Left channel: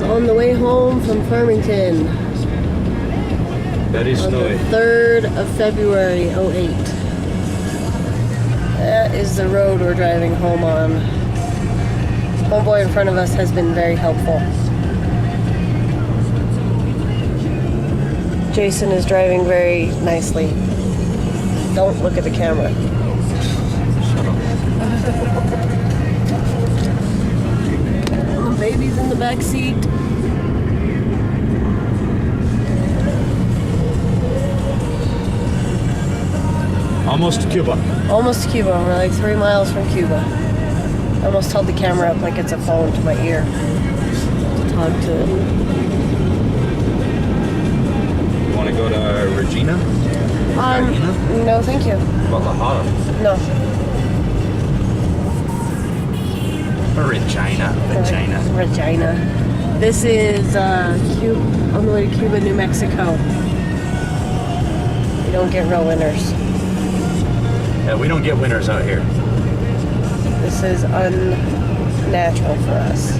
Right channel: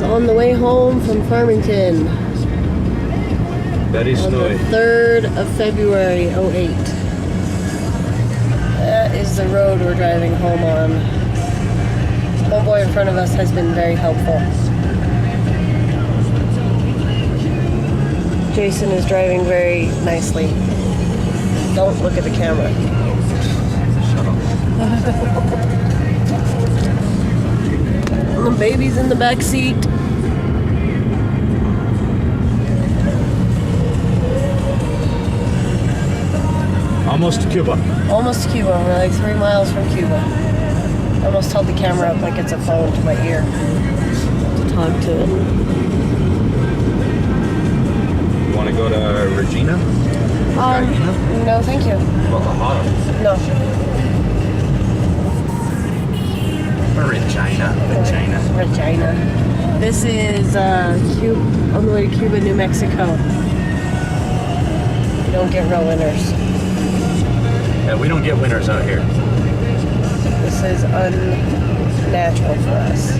miles on the way home from Farmington. Very On snowy. the 3rd of February, '08. That is the road we're driving home on. Homeboy in front of us has been very helpful. Jason is driving very nicely. Don't look at the camera. Shut up. The baby's in the back seat. Almost to Cuba. Almost to Cuba. We're like 3 miles from Cuba. I almost held the camera up like it's a phone to my ear to talk to it. You want to go to Regina? Regina? No, thank you. Guadalajara. No. Regina. Regina. This is Cuba, on the way to Cuba, New Mexico. You don't get real winners. Yeah, we don't get winners out here. This is unnatural for us.